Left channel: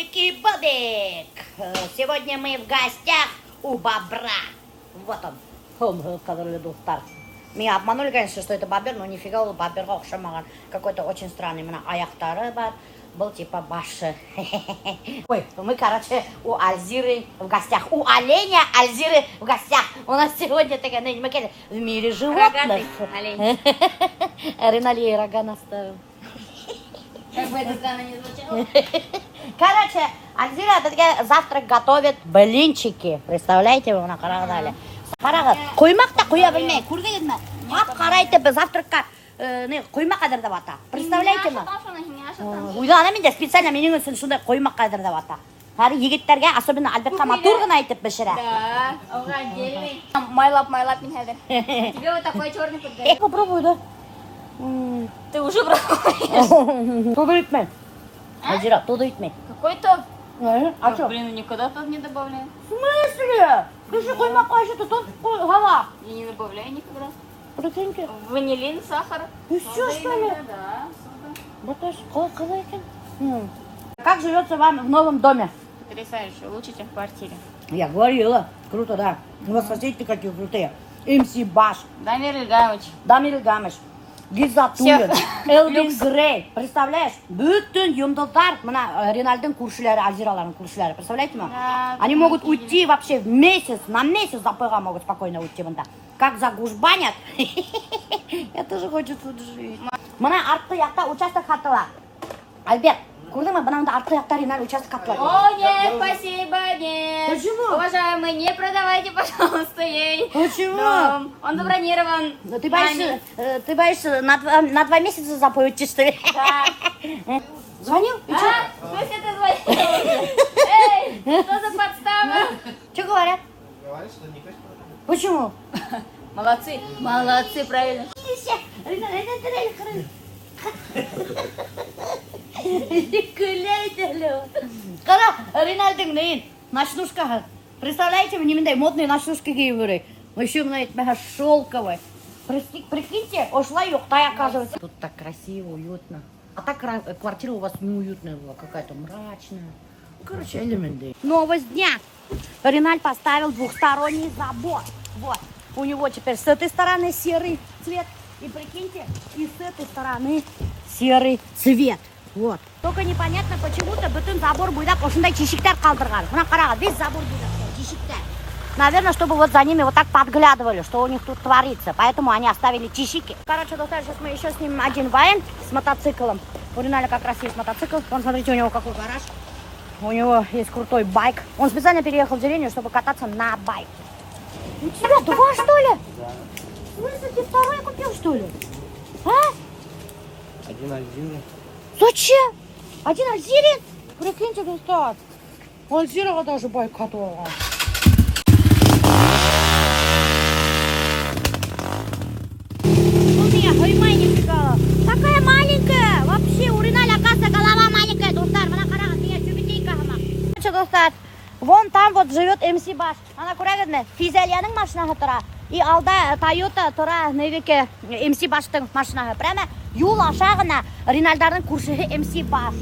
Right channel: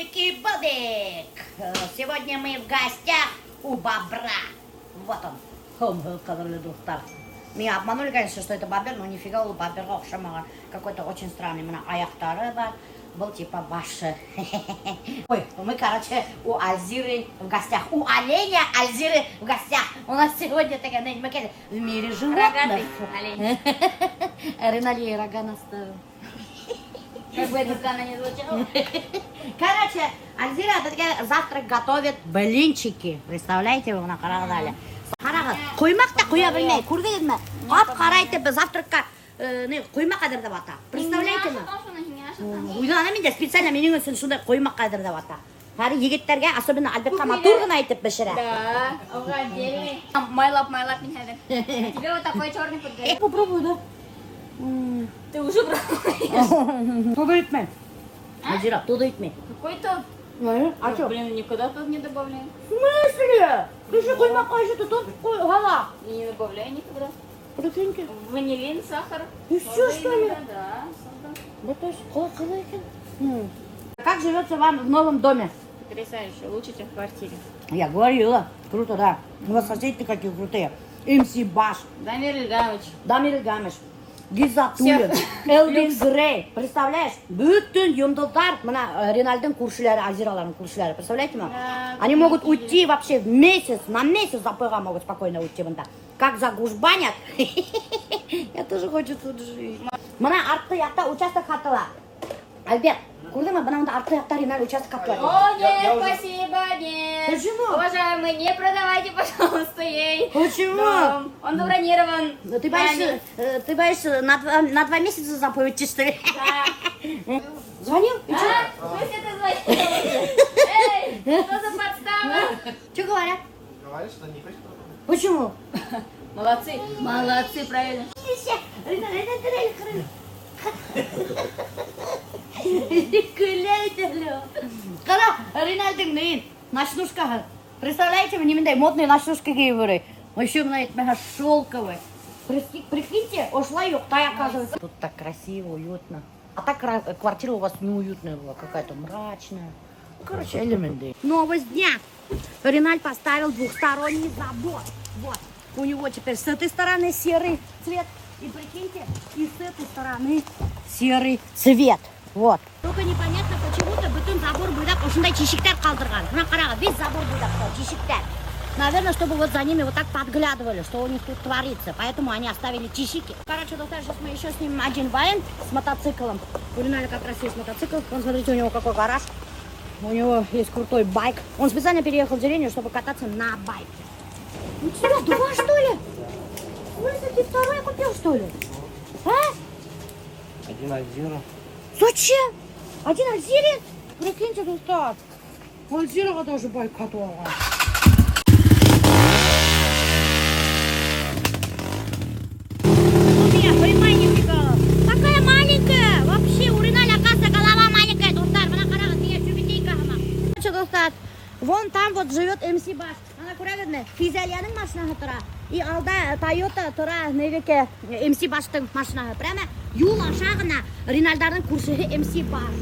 Бобик. Сегодня мы в гостях у бобра. Вот он, который достал. Меня обманули, конечно, что это бобер, но нифига у бобера окшамаган. Какой-то очень странный. Мына аяқтары бар. Был типа башы. Ой, мы, короче, у Альзиры в гостях. У оленя Альзиры в гостях. У нас сегодня такая, в мире животных. Рогатый олень. Ринали рога наставил. Как бы это странно не звучало. Короче, Альзира завтрак готовит блинчики. Представляете, вы на Карагадале. Коймақ-та қоя білмей, көргенсіз ме? Ап қарайды біз завтракқа қоймақ қадырдап ата. Представляете ме? Ойлана мен де специально менің үшін сондай қоймақ қадырдап ата. Әрі егеттерге, особенно Альбертқа матурғын айтып бішірі. Да, оға отдельный. Майлап мен хәдір. Тебе вот такой черный подгорел. Попробуй, да? Ты уже пробуешь? Туды етмей. Альзира, туды етмей. Какой-то... А что? Блин, никуда тут не добавляю. В смысле? Ты же қоймаққа еще тут гала. Я не добавляю никогда. Прикиньте. Ванилин, сахар. И все, что ли? Да, сода. Вот это қалай екен. Как живется вам в новом доме? Потрясающе, лучше, чем в квартире. Я говорила. Круто, да. У вас соседи какие крутые. МС Баш, Дамир Ильгамович. Дамир Ильгамович, Гизатуллин, Элвин Грей. Представляешь? Bütün yıldızlar, мына Ринальдың көршілері, Альзиралардың көршілері. Представляете ма? Они могут уйти вообще в месяц, на месяц запыга могут спокойно уйти. Как загужбанят. Я тоже хочу тут жить. Мына артқы яқта участок хатыла. Альберт, көрдің ма? Мына артқы яқта Риналь участок хатыла. О, нет, спасибо, нет. Почему? Уважаемый, не продавайте, пожалуйста, ей. Почему? Дом. Он забронирован. Ты боишься на 2 месяца запоют, что ли? Да. Звонил? И что? Пусть это звонил. Эй, что за подстава? Что говорят? Говорит, что не хочет продавать. Почему? Молодцы. Молодцы, правильно. Қара, Ринальдың нейін, ночнушкаға. Представляете, немендай модный ночнушка киіп жүрей. Еще мына этмеха шелковый. Прикиньте, ошла юқтай, оказывается. Тут так красиво, уютно. А так квартира у вас неуютная была, какая-то мрачная. Короче, элементы. Новость дня. Риналь поставил двухсторонний забор. Вот. У него теперь с этой стороны серый цвет. И прикиньте, и с этой стороны серый цвет. Вот. Только непонятно, почему-то бүтін забор буйдақ осындай чешіктер қалдырған. Мына қараға, весь забор буйдақ чешіктер. Наверное, чтобы вот за ними вот так подглядывали, что у них тут творится. Поэтому они оставили чешики. Короче, доктор, сейчас мы еще снимем один вайн с мотоциклом. У Риналя как раз есть мотоцикл. Вон, смотрите, у него какой гараж. У него есть крутой байк. Он специально переехал в деревню, чтобы кататься на байке. Ну, тебя два, что ли? Ты второй купил, что ли? А? Один Альзира. Зачем? Один Альзирин? Прикиньте, достать. Альзирова даже байк катала. У меня, поймай, нифига. Такая маленькая. Вообще, у Риналя, оказывается, голова маленькая, достар. Она карага, меня чубитейка. Что, достать? Вон там вот живет МС Баш. Она көрәгізме, Физалияның машинаға тұра. И алда Тойота тұра, невеке МС Баштың машинаға. Прямо юл ашағына Ринальдардың көршігі МС Баш.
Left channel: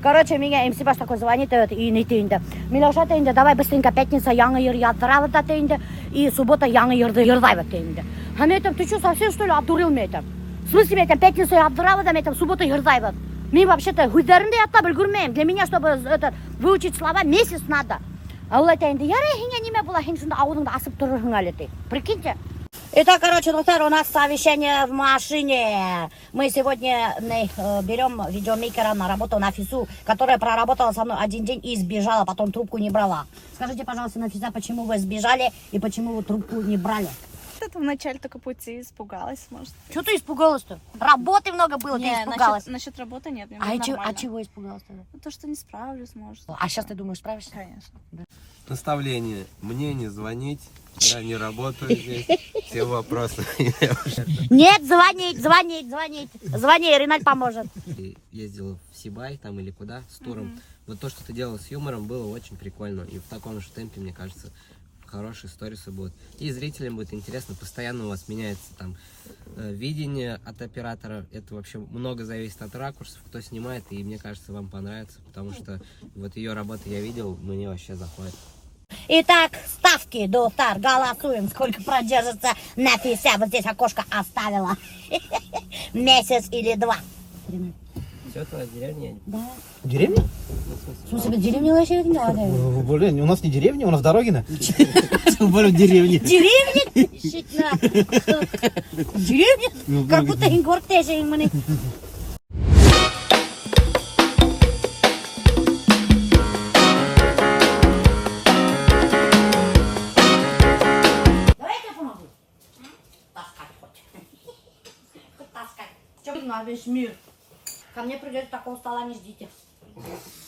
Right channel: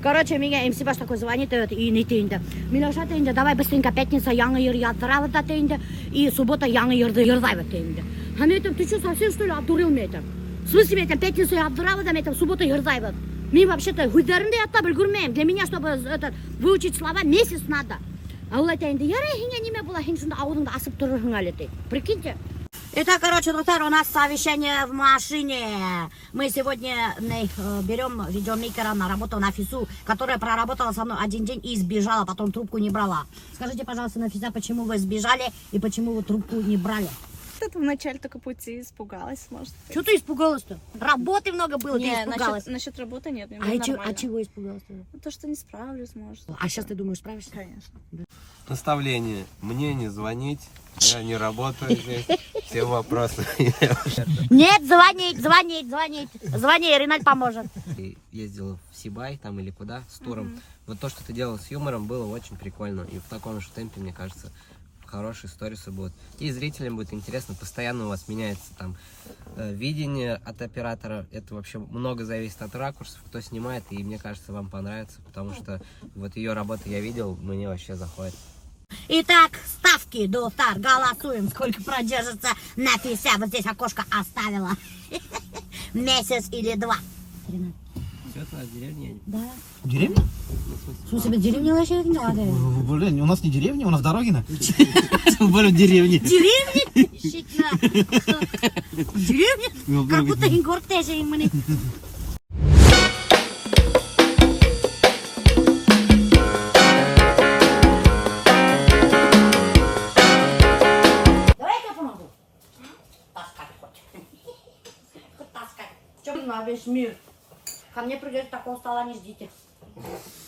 Короче, меня МС Баш такой звонит и не тейінді. Милаша тейінді, давай быстренько пятница яңы ер яддырауы да тейінді. И суббота яңы ерді ердайбы тейінді. А мен айтам, ты что, совсем что ли обдурил мен айтам? В смысле, мен айтам, пятницу яддырауы да мен айтам, суббота ердайбы. Мен вообще-то хүдерінде ятта білгірмейм. Для меня, чтобы выучить слова, месяц надо. А ол айтайынды, ярай, хиңе неме бұла, хиң сонда ауылыңды асып тұрырың әлі дей. Прикиньте. Итак, короче, доктор, у нас совещание в машине. Мы сегодня берем видеомейкера на работу Нафису, которая проработала со мной 1 день и сбежала, потом трубку не брала. Скажите, пожалуйста, Нафиса, почему вы сбежали и почему вы трубку не брали? Что-то в начале только пути испугалась, может. Что ты испугалась-то? Работы много было, ты испугалась. Насчет работы нет, мне А чего испугалась-то? То, что не справлюсь, может. А сейчас ты думаешь, справишься? Конечно. Наставление. Мне не звонить. Я не работаю здесь. Все вопросы. Нет, звонить. Звони, Риналь поможет. Ты ездила в Сибай там или куда с туром. Вот то, что ты делала с юмором, было очень прикольно. И в таком же темпе, мне кажется, хорошие сторисы будут. И зрителям будет интересно, постоянно у вас меняется там видение от оператора. Это вообще много зависит от ракурсов, кто снимает, и мне кажется, вам понравится, потому что вот ее работы я видел, мне вообще заходит. Итак, ставки, Достар, голосуем, сколько продержится на 50. Вот здесь окошко оставила. Месяц или 2. Все, твоя деревня? Да. Деревня? В смысле, деревня вообще не надо. Блин, у нас не деревня, у нас Дорогина. Более деревня. Деревня? Щитна. Деревня? Как будто ингортеже им мы. Давай я помогу. Таскать хоть. Хоть таскать. Че на весь мир? Ко мне придет, такого стола не ждите.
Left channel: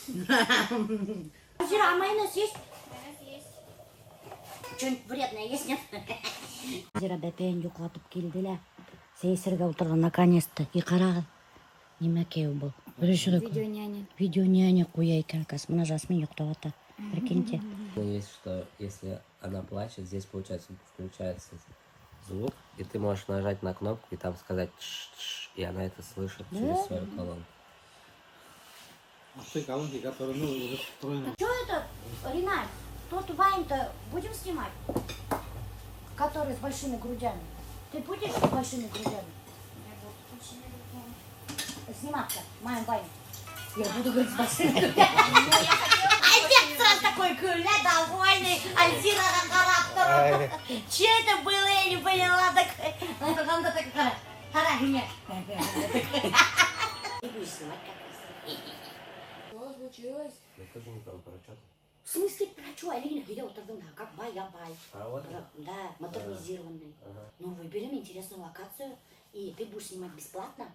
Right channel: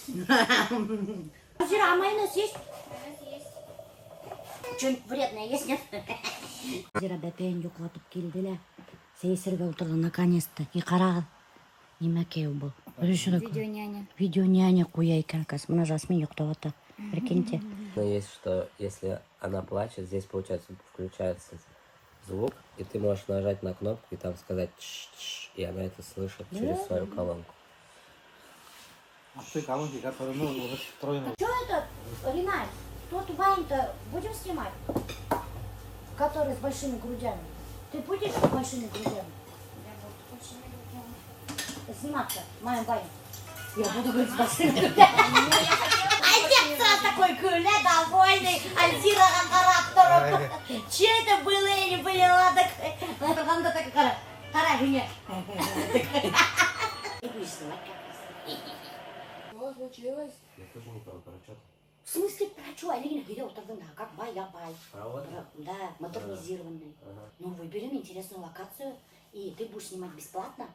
Зира, а майонез есть? Что-нибудь вредное есть, нет? Зира бәпен юқлатып келді. Сейсерге отырды наконец-то. И қарағы. Немәке был. Видеоняня. Видеоняня қояйкан. Мына жасмин ұйықтаватыр. Прикиньте. Есть, что если она плачет, здесь получается включается звук, и ты можешь нажать на кнопку и там сказать «ш-ш-ш», и она это слышит через свою колонку. Ты колонки, которые мы уже встроены. Что это, Ринальд? Тот Вайн-то будем снимать? Который с большими грудями. Ты будешь с большими грудями? Я буду большими грудями. Сниматься, моим Вайн. Я буду говорить с большими грудями. Отец сразу такой Куля, довольный, Альзира характером. Че это было, я не поняла. Потом такая, нет. Что случилось? Я тоже не понял, про что. В смысле, про что? Алина видела тогда, как бай-я-бай. Провод? Да, модернизированный. Ну, выберем интересную локацию, и ты будешь снимать бесплатно.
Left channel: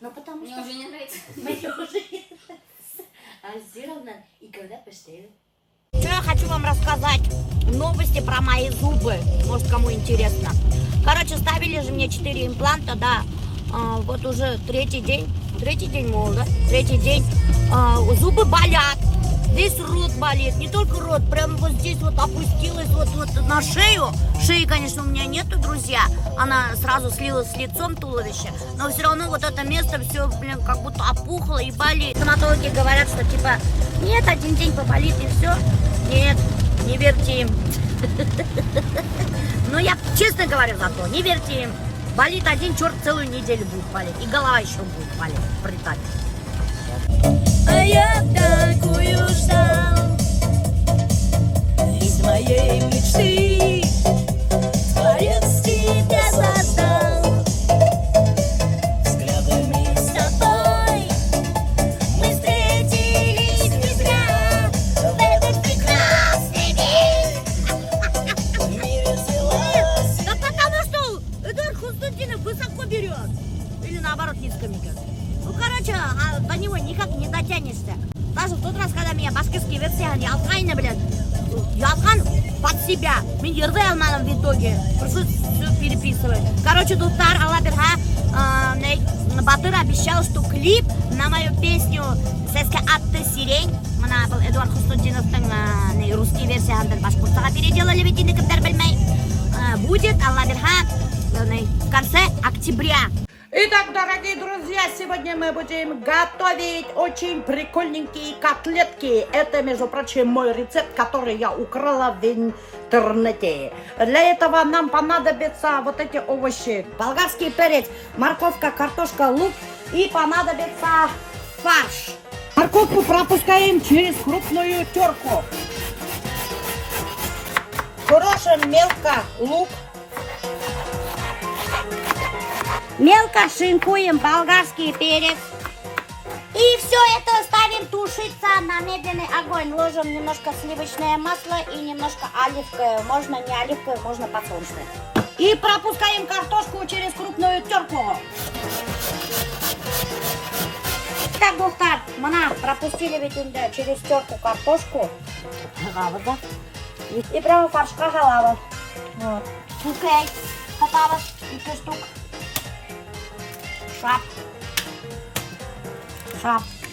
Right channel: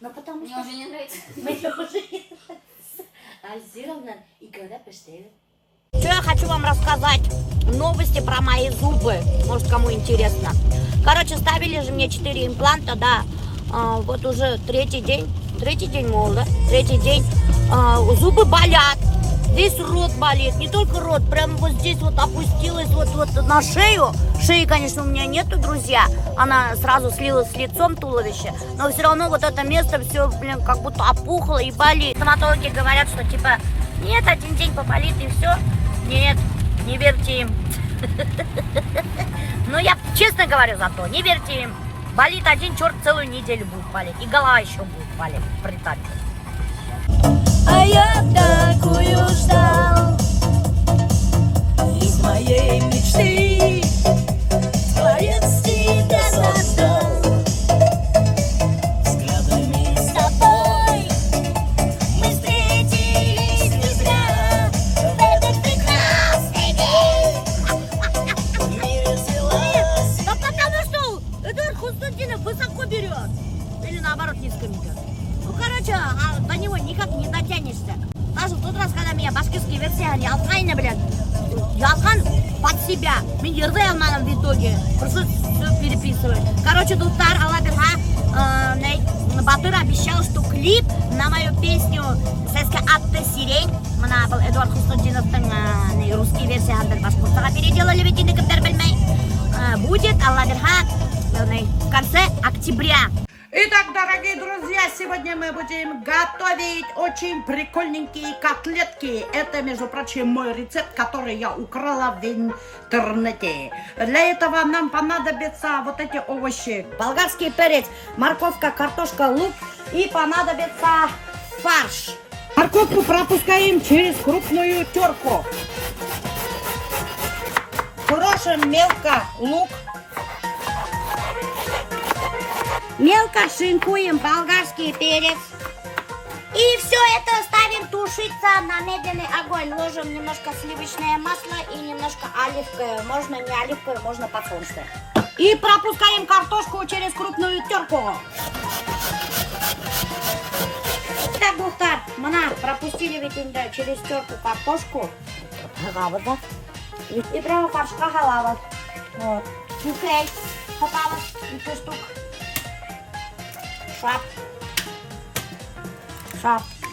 Ну, потому Мне что... уже не нравится. Мне уже не нравится. Альзировна и когда поштели. Что я хочу вам рассказать? Новости про мои зубы. Может, кому интересно. Короче, ставили же мне 4 импланта, да. Вот уже третий день, мол, да? Третий день. Зубы болят. Весь рот болит. Не только рот, прям вот здесь вот опустилась вот на шею. Шеи, конечно, у меня нету, друзья. Она сразу слилась с лицом туловища. Но все равно вот это место все, блин, как будто опухло и болит. Стоматологи говорят, что типа, нет, один день поболит и все. Нет, не верьте им. Но я честно говорю зато, не верьте им. Болит один черт, целую неделю будет болеть. И голова еще будет болеть, прилетать. А я такую ждал из моей мечты, творец тебя создал. Взглядами с тобой мы встретились не зря в этот прекрасный день. В мире взялась. Да потому что Эдуард Хустудинов высоко берет. Или наоборот низко берет. Ну, короче, до него никак не дотянешься. Даже в тот раз, когда меня башкирские версии ялкайны, блядь, ялкан под себя. Мен ерды алманым в итоге. Пришлось все переписывать. Короче, Достар, Алла Бирха, Батыр обещал, что клип на мою песню «Сәске атты сирень», мына был Эдуард Хустудиновтың русский версиясын башкирцага переделали, ведь кімдер білмей, будет, Алла Бирха, в конце октября. Итак, дорогие друзья, сегодня мы будем готовить очень прикольненькие котлетки. Это, между прочим, мой рецепт, который я украла в интернете. Для этого нам понадобятся вот эти овощи. Болгарский перец, морковка, картошка, лук и понадобится фарш. Морковку пропускаем через крупную терку. Крошим мелко лук. Мелко шинкуем болгарский перец. И все это ставим тушиться на медленный огонь. Ложим немножко сливочное масло и немножко оливковое. Можно не оливковое, можно подсолнечное. И пропускаем картошку через крупную терку. Так, Достар, мына пропустили ведь через терку картошку. И прямо фаршка халава. Вот. Окей. Хатава. 2 штук. Шап.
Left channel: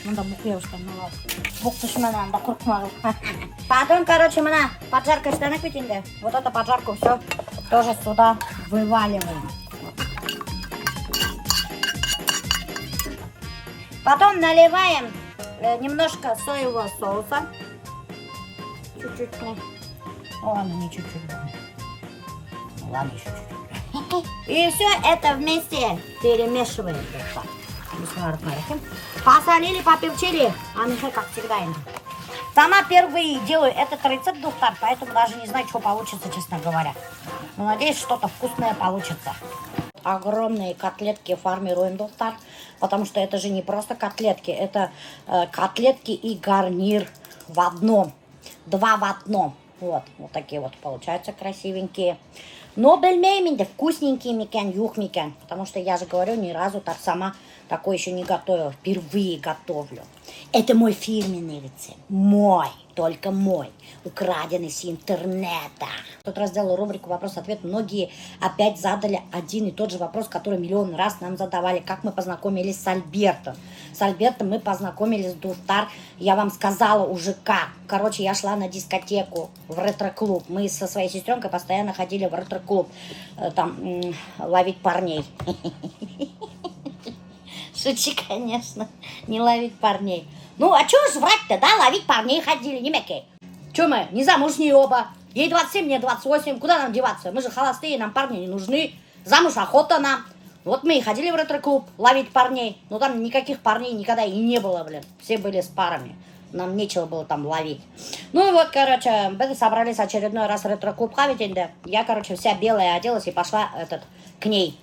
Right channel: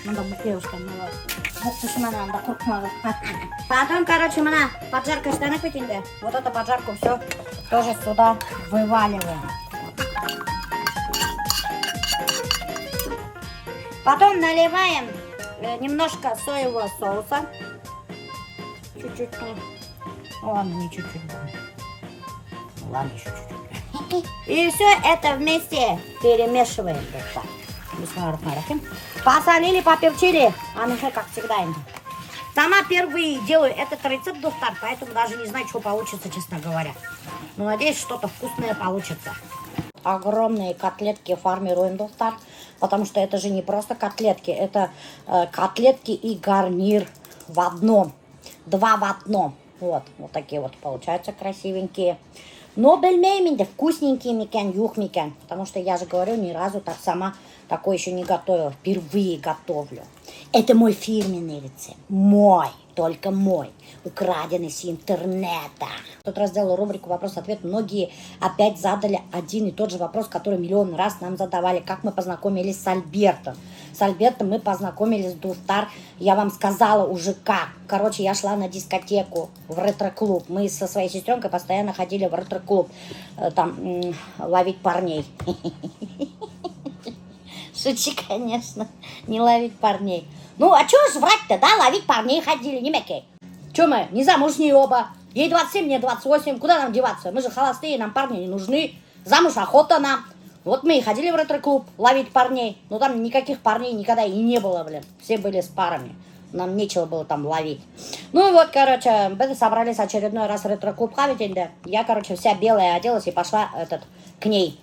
Надо букешка, надо. Надо куркмагы. Потом, короче, мы поджарка штаны пятинде. Вот эту поджарку все тоже сюда вываливаем. Потом наливаем немножко соевого соуса. Чуть-чуть. Ладно, не чуть-чуть. Ладно, еще чуть-чуть. И все это вместе перемешиваем. Посолили, поперчили, а мы как всегда. Сама впервые делаю этот рецепт, Достар, поэтому даже не знаю, что получится, честно говоря. Но надеюсь, что-то вкусное получится. Огромные котлетки формируем, Достар, потому что это же не просто котлетки, это котлетки и гарнир в одном. Два в одном. Вот такие вот получаются красивенькие. Но бельмейминде вкусненькие микен, юх микен. Потому что я же говорю, ни разу так сама такое еще не готовила. Впервые готовлю. Это мой фирменный рецепт. Мой, только мой. Украденный с интернета. В тот раз сделала рубрику «Вопрос-ответ». Многие опять задали один и тот же вопрос, который миллион раз нам задавали. Как мы познакомились с Альбертом. С Альбертом мы познакомились в Достар. Я вам сказала уже как. Короче, я шла на дискотеку в ретро-клуб. Мы со своей сестренкой постоянно ходили в ретро-клуб. Там ловить парней. Шучу, конечно. Не ловить парней. Ну, а чё ж врать-то, да? Ловить парней ходили, не мякей. Чё мы, не замужние оба. Ей 27, мне 28. Куда нам деваться? Мы же холостые, нам парни не нужны. Замуж охота нам. Вот мы и ходили в ретро-клуб ловить парней. Но там никаких парней никогда и не было, блин. Все были с парами. Нам нечего было там ловить. Ну и вот, короче, мы собрались очередной раз в ретро-клуб ходить. Я, короче, вся белая оделась и пошла к ней.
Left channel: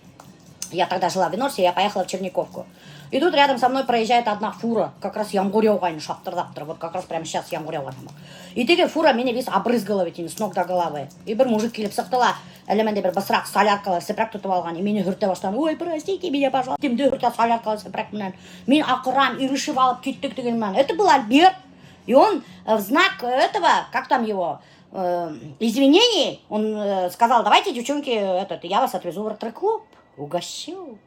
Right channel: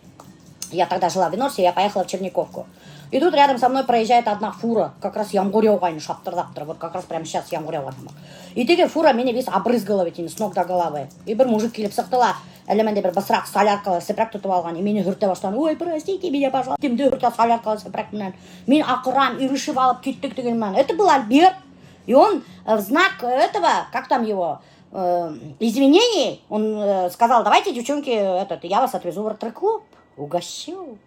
Я тогда жила в Винорсе, я поехала в Черниковку. И тут рядом со мной проезжает одна фура. Как раз ямгурёвайны, шаптыр-заптыр. Вот как раз прямо сейчас ямгурёвайны. И теге фура меня весь обрызгала ведь с ног до головы. И бір мужик келіп сықтыла. Әлеменде бір басырақ соляркалы сепрак тұтып алған. И мені хүрте баштан. Ой, простите меня, пожалуйста. Демде хүрте соляркалы сепрак менен. Мен ақырам, ирышып алып кеттік дегенмен. Это был Альберт. И он в знак этого, как там его, извинений, он сказал, давайте, девчонки, я вас отвезу в ретро-клуб. Угощу.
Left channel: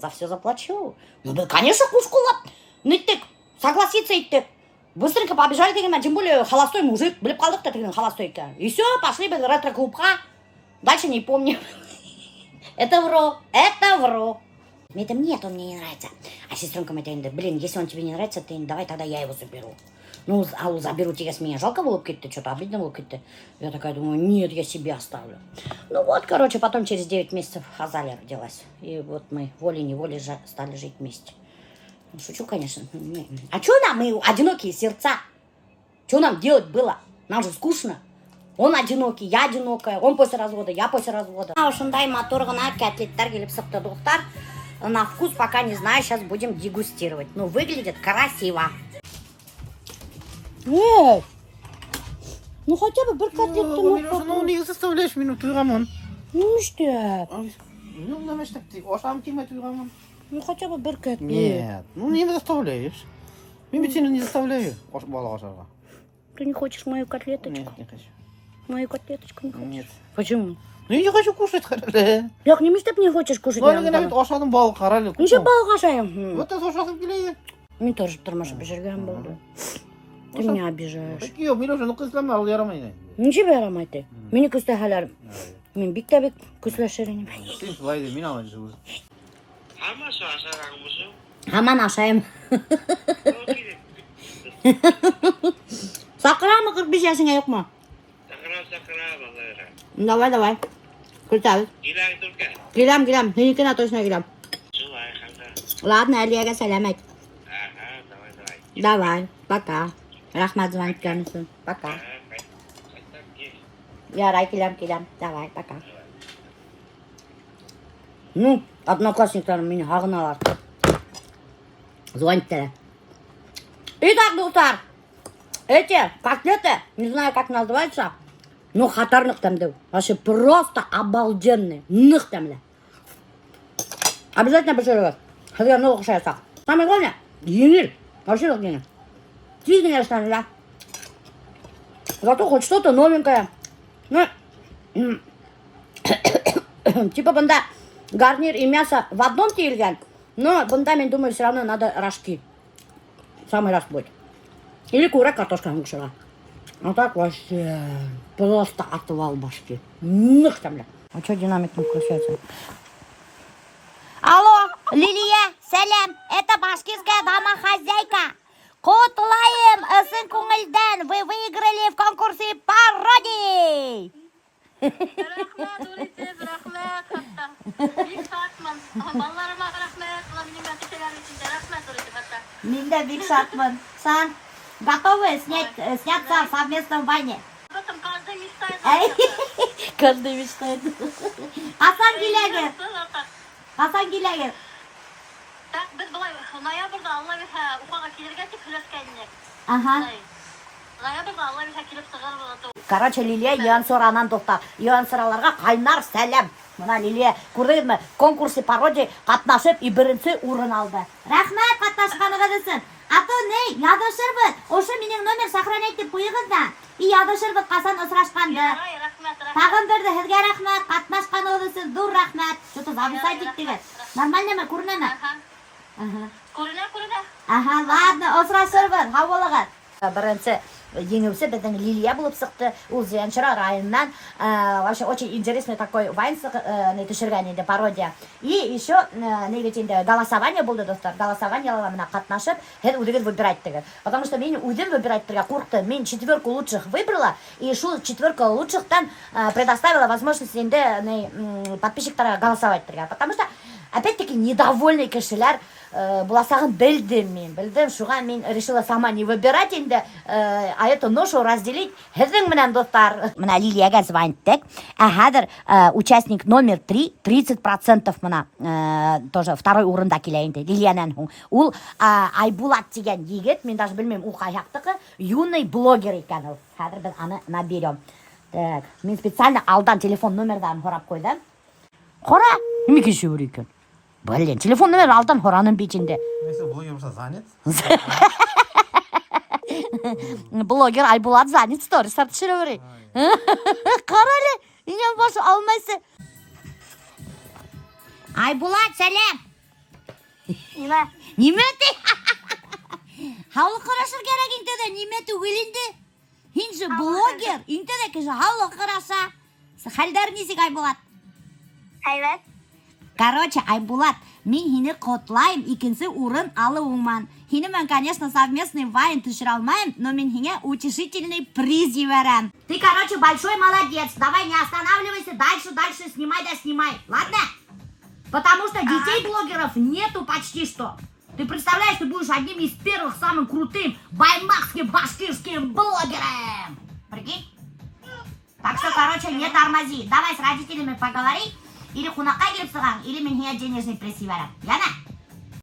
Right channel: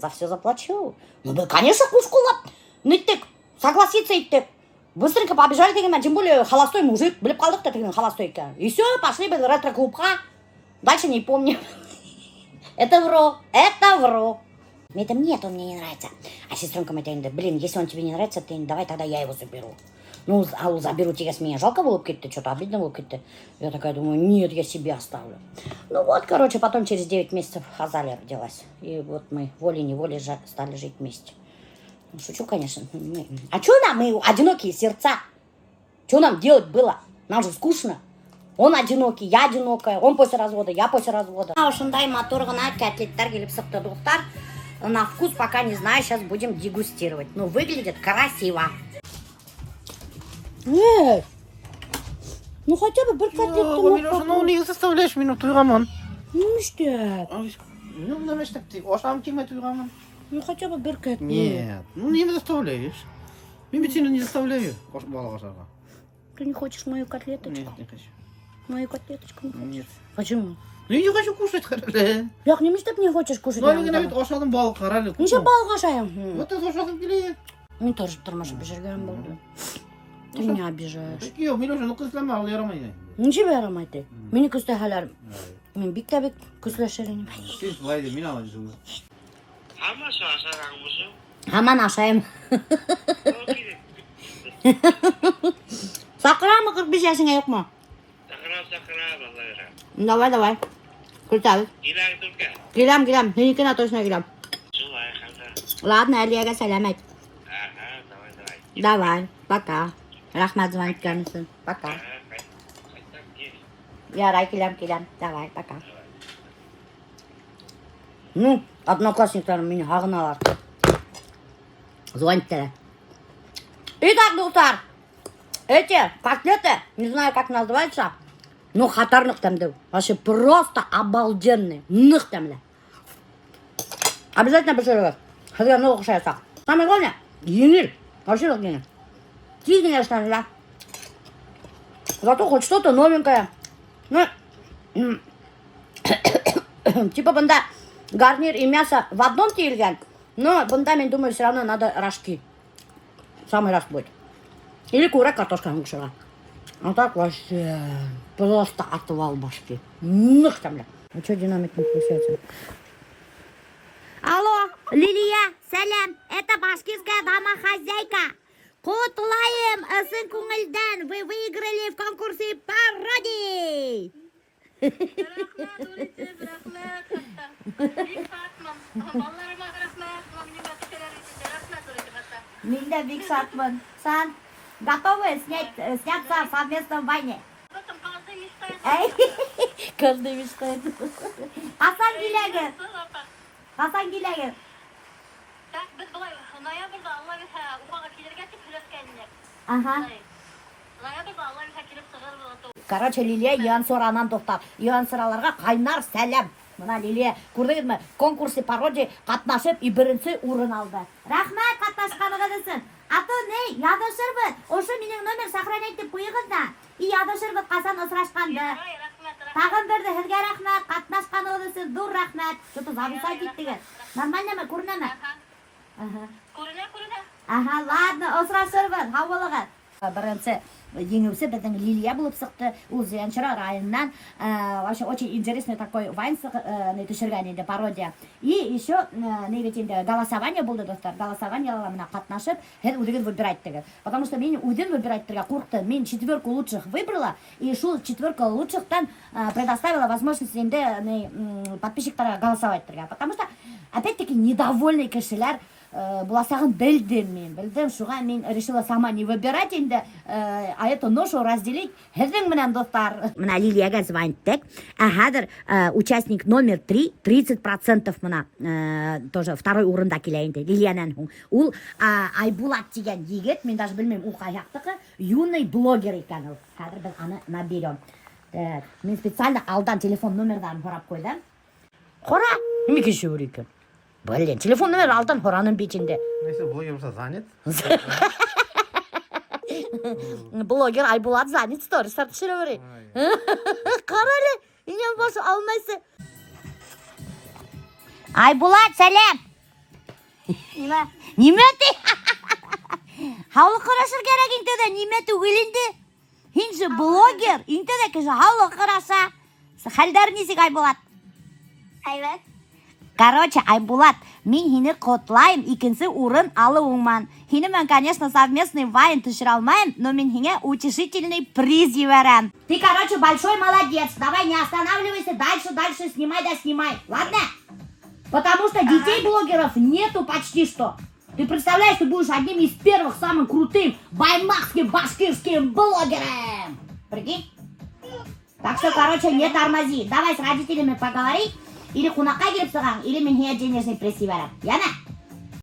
За все заплачу. Ну да, конечно, кушкулап. Ниттик, согласиться иттик. Быстренько побежали деген, тем более холостой мужик. Біліп қалдық-то деген холостой екен. И все, пошли в ретро-клубқа. Дальше не помню. Это вру. Это нет, он мне не нравится. А сестренка моя говорит, блин, если он тебе не нравится, ты давай тогда я его заберу. Ну, а заберу тебя с меня. Жалко было бы, что-то обидно было бы. Я такая думаю, нет, я себе оставлю. Ну вот, короче, потом через 9 месяцев Азалия родилась. И вот мы волей-неволей стали жить вместе. Ну, шучу, конечно. А что нам, мы одинокие сердца? Что нам делать было? Нам же скучно. Он одинокий, я одинокая. Он после развода, я после развода. Ушындай моторғына котлеттер келіп сықты Достар. На вкус пока не знаю, сейчас будем дегустировать. Ну, выглядит красиво. Ну хотя бы бір котлетті. Милоша, ну не заставляешь меня туйраман. Ну что? Ну, знаешь, так ты ошам киме туйраман. Ну хотя бы бір котлет. Нет, ну не заставляешь. Я ведь не заставляю. Бала ошага. Ты не хочешь мою котлеточку? Нет, не хочу. Мою котлеточку не хочешь? Нет. Почему? Ну я не хочу кушать, харале. Як немеш деп не хочешь кушать? Ну, я навіть ошадым бал харале. Неше балға жайым? Вот это ошадым келе. Мен тоже тұрмашы бежірген болды. Ты меня обижаешь. Так yok, Милоша, ну кызлама ал ярамай. Неше берамайды? Мені күстәхәләрім. Мен бик тә бик күсләшерін. Сен шулай де, мен алай жыл. Аман ашайым. Сақырамы 45 yaşına yok mu? Давай. Күртәбіз. Келем. Сенікіне точно келем. Ладно, Әлияға сәлем айт. Давай, пока. Рахмат звонитканысың. Пока. Ярай, келем. Давай, пока. Ну, одноклассниктарым мені ағыналар. Звониттері. Итак, Достар, эти котлеты, не знаю, как называется, но хатарных тәмді. Вообще просто обалденные. Нық тәмді. Обязательно пішіріңіз. Сізге много ұқсайсақ. Самое главное, еңел. Вообще еңел. Тезгене ұштаны, да? Зато хоть что-то новенькое. Ну, типа бұнда гарнир и мясо в одном тиелген, но бұнда, мен думаю, все равно надо рожки. самый раз будет. Или курак картошканың кушыға. А так вообще просто отвал башки. Нах там, бля. А что динамик не включается? Алло, Лилия, сәлем. Это башкирская домохозяйка. Құтылайым сын көңілден. Вы выиграли в конкурсе пародий. Рахмет, улетез, рахмет, хатта. Бик сатман. Балаларыма рахмет. Мына менің әтешелер içinde рахмет, улетез, хатта. Мен де бик шатмын. Сан, готовы сняться совместно в бане? Потом каждый мечтает. Каждый мечтает. Қасан келегер? Қасан келегер? Так, біз былай, ноябрьда Алла берсе, Уфаға келерге тек үлескенінек. Ага. Ноябрьда Алла берсе келіп сығыр. Короче, Лилия ең соранан тоқтап. Ең сораларға қайнар сәлем. Мына Лилия, көрдіңізбі, конкурсы пародия қатнашып, и бірінші орын алды. Рахмет қатнашқаныңыз үшін. А то не, ядышырбыз. Ошы менің номер сохранять деп қойыңыз да. И ядышырбыз қасан ұсырашқанды. Тағын бірді, сізге рахмет, қатнашқаныңыз үшін дур рахмет. Что-то зависать еттіңіз. Нормально ма, көріне ма? Көріне. Ага, ладно, ұсырашырбыз, хауылығы. Бірінші еңімсі біздің Лилия болып шықты. Ол Зиянчара районынан. Вообще очень интересный такой вайн түшірген пародия. И еще голосование болды, достар. Голосованияларға мына қатнашып, өзіңіз выбирать деген. Потому что мен өзім выбирать қорқты. Мен 4 лучших выбрала, и шул 4 лучшихтан предоставила возможность подписчиктарға голосовать. Потому что, опять-таки, недовольный кішілер бұласағын білдім, шуға мен решила сама не выбирать енді, а эту ношу разделить хіздің мінен достар. Мына Лилияға звонттық, әхадыр участник номер 3, 30% мына, тоже второй орында келейінді, Лилиянан хуң. Ол Айбулат деген егет, мен даже білмем, ол қаяқтықы, юный блогер екен ол. Әдір біз аны наберем. Мен специально алдан телефон номердан қорап қойдым. Қора, неме кеше өр екен? Блин, телефон номер алдан қораның бетінде. Если блогер болса занят. Блогер Айбулат занят, сторис түсіре берейін. Қаралы, инен бошы алмайсы. Айбулат, сәлем. Неметі? Хаулы қарашыр керек интеді, неметі өлінді? Хинші блогер, интеді кеші хаулы қараша. Халдар несік Айбулат? Айбет. Короче, Айбулат, мен хini құтлайым, икінсі орын алы оңман. Хini мен, конечно, совместный вайн түшір алмайым, но мен хине утешительный приз берем. Ты, короче, большой молодец. Давай не останавливайся, дальше снимай да снимай. Ладно? Потому что детей-блогеров нету почти что. Ты представляешь, ты будешь одним из первых самым крутым баймакским башкирским блогером. Прикинь? Так что, короче, не тормози. Давай с родителями поговори. Или кунаққа келіп саған, или мен хия денежный приз берем. Яна?